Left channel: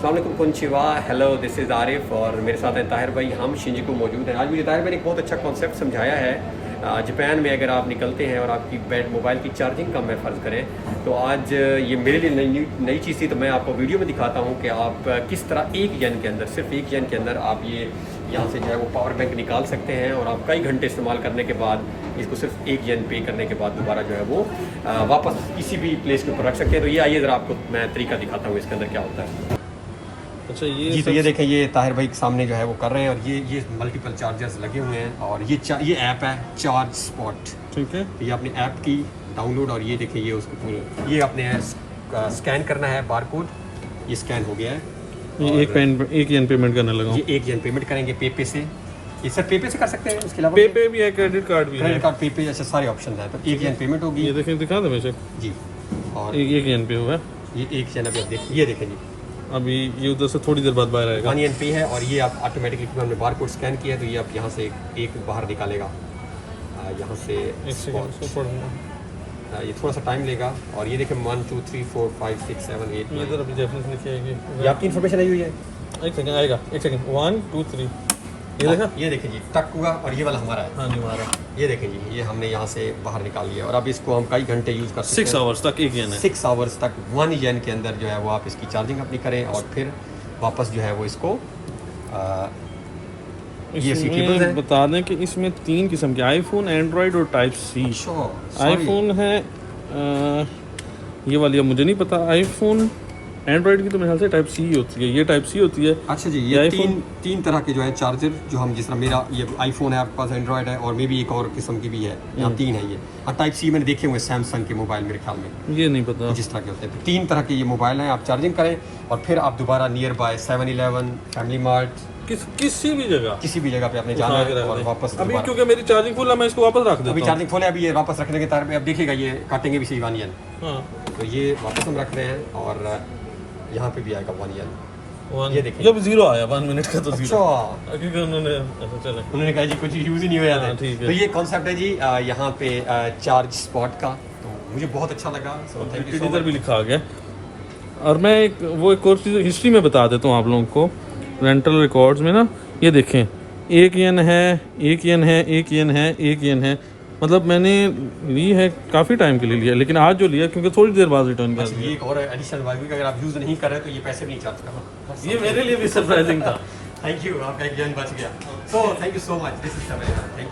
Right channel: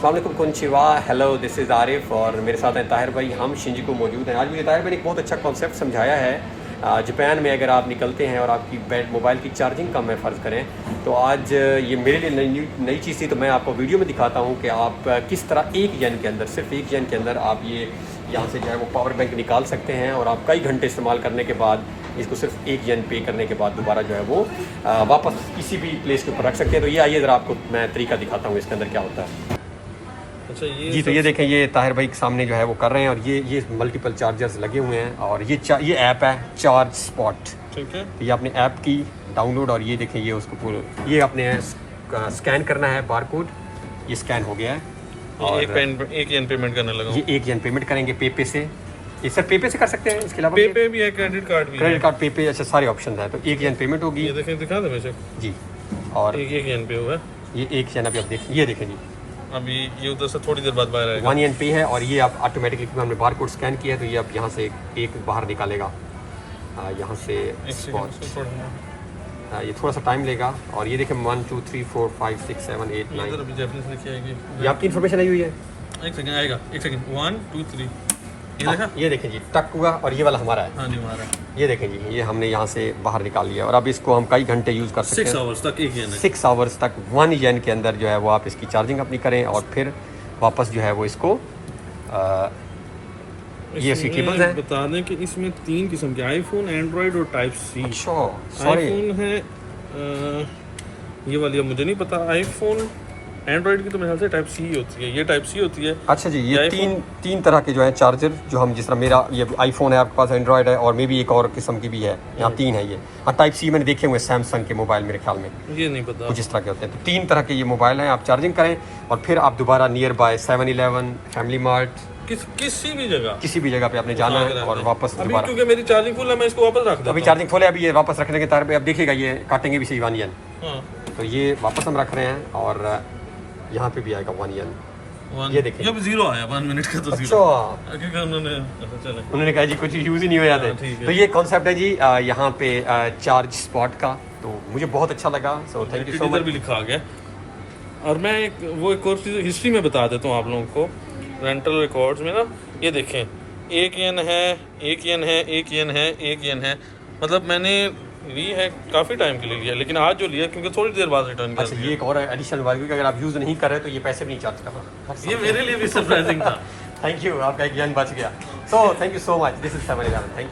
अस्सलाम वालेकुम, कोनचिवा, hello, this is Arif और मेरे साथ हैं ताहिर भाई। हम शिंजुकू मौजूद हैं। आज मुझे ताहिर भाई ने एक बहुत अच्छा कॉन्सेप्ट समझाया है। जापान में अगर आप निकलते हैं और आपकी मोबाइल की चार्जिंग कम है फ़र्ज़ करें, तो आज ये मेरे लिए नई चीज़ थी, तो मैं आपको वीडियो में दिखाता हूँ कि आप किस तरह 1 येन के अंदर, सिर्फ 1 येन के अंदर आप ये यहाँ से जो है वो पावर बैंक निकाल सकते हैं और आप कई घंटे इस्तेमाल करने के बाद इसको सिर्फ 1 येन पे करने के बाद दोबारा जो है वो वापस किसी भी प्लेस के ऊपर रख सकते हैं। तो ये आइए ज़रा आपको मैं तरीका दिखाता हूँ इसके अंदर क्या होता है। अच्छा जी, तो ये देखें, ये ताहिर भाई के सामने जो है वो कर रहे हैं और ये मल्टीपल चार्जर्स लगे हुए हैं और ये ऐप है चार्ज स्पॉट। ठीक है। तो ये अपने ऐप की डाउनलोड और ये देखें, ये उसको पूरा ये अपने स्कैन करना है बारकोड, ये स्कैन हो गया है और 1 येन पेमेंट करने लगा। ये 1 येन पेमेंट करेंगे पे से। ये सर पे से कर सकते हैं, इसके अलावा पे भी है, क्रेडिट कार्ड भी है। क्रेडिट कार्ड पे ऐसे सारे ऑप्शन हैं। तो 1 येन पेमेंट होगी। ये देखें, दिखा दो वैसे जी, और 1 येन पे हुआ है। ये 1 येन अभी आप देख, ये देखें जी, अभी ये उधर से थोड़ी देर बाद बाहर आएगा। 1 येन पे है और ये आप ऑटोमेटिकली, क्योंकि हमने बारकोड स्कैन किया है तो ये आप यहाँ से एक बाहर निकालेगा, यहाँ से स्पॉट। ये थोड़ा सा टाइम लेगा और ये देखें 1 2 3 4 5 6 7 8 9। अभी रेफरेंस लिखी आएगी। ये आपकी इन्फॉर्मेशन आई हुई है। एक सेकंड आएगा, एक सेकंड। 1 2 3 ये देखा। ये देखें जी, टक हुआ और ये वाला हमारा है। हाँ नहीं हमारा। ये देखें जी, ये हमने यहाँ से बाहर निकाल लिया और अब इसको हम कई घंटे यूज़ कर सकते 6 हैं। आवर्स तक 1 येन है। 6 आवर्स तक 1 येन के अंदर जो है वो आप इसकी चार्जिंग अपनी करें और फिर वापस जो है वो इसको ये सी केबल्स हैं। बता दें कि इसमें 3 किस्म के आईफोन, एंड्रॉइड और टाइप सी। आईफोन है ये वाली, अब मुझे नहीं पता। आईफोन एंड्रॉइड की तो मेरे ख्याल से टाइप सी होती है, ये टाइप सी होती है। अच्छा जी, ये तीन तरह के जो है चार्जर, जो हम जिस तरह मेरा ये आईफोन है, आपके पास एंड्रॉइड है और मे भी एक और किस्म की भी है, यहाँ 3 है ये। और टाइप सी मैंने देखे हुए सैमसंग के मोबाइल मेरे ख्याल में, ये नहीं पता कुछ इस तरह के होते हैं। तो 3 तरह के ये मोबाइल हैं, आप चार्जिंग करें और फिर आप दोबारा near by 7-Eleven, family mart, किसी भी जगह पे आपने जाना है और वापस दोबारा। क्योंकि मेरी चार्जिंग फुल है, मैं इसको वापस रख देता हूं। अभी चार्जिंग फुल है, अभी ये वापस रखने के तार पे अब देखिएगा ये काटेंगे भी सही 1 येन। हाँ। तो ये वापस हम रख रहे हैं और यहाँ पे भी आएगा 1 येन। ये देखिए, जब 0 आया 1 मिनट का तो 0। अच्छा, क्योंकि उन्होंने कहा जी कुछ यूज़ ही नहीं हो जाता है। तो ये कॉन्सेप्ट है जी यहाँ पे चार्ज स्पॉट का, तो मुझे बहुत अच्छा लगा। So thank you so much. भी लिखा गया। और मैं एक और चीज़ हिस्ट्री में बता देता हूँ आप लोगों को। रेंटल रिकॉर्ड्स में ना ये देखें, 1 येन है, 1 येन है, 1 येन है, 1 येन है। मतलब मैंने ली है काफ़ी टाइम के लिए लिया, लेकिन आज जो लिया क्योंकि थोड़ी देर बाद रिटर्न कर। अच्छा, ये एक और एडिशनल वैल्यू कि अगर आप यूज़ नहीं कर रहे तो ये पैसे भी नहीं चार्ज कर रहा। ये मेरे लिए भी सरप्राइजिंग था। थैंक यू, आपका 1 येन बच गया। So thank you so much, this is 7-Eleven। Thank you.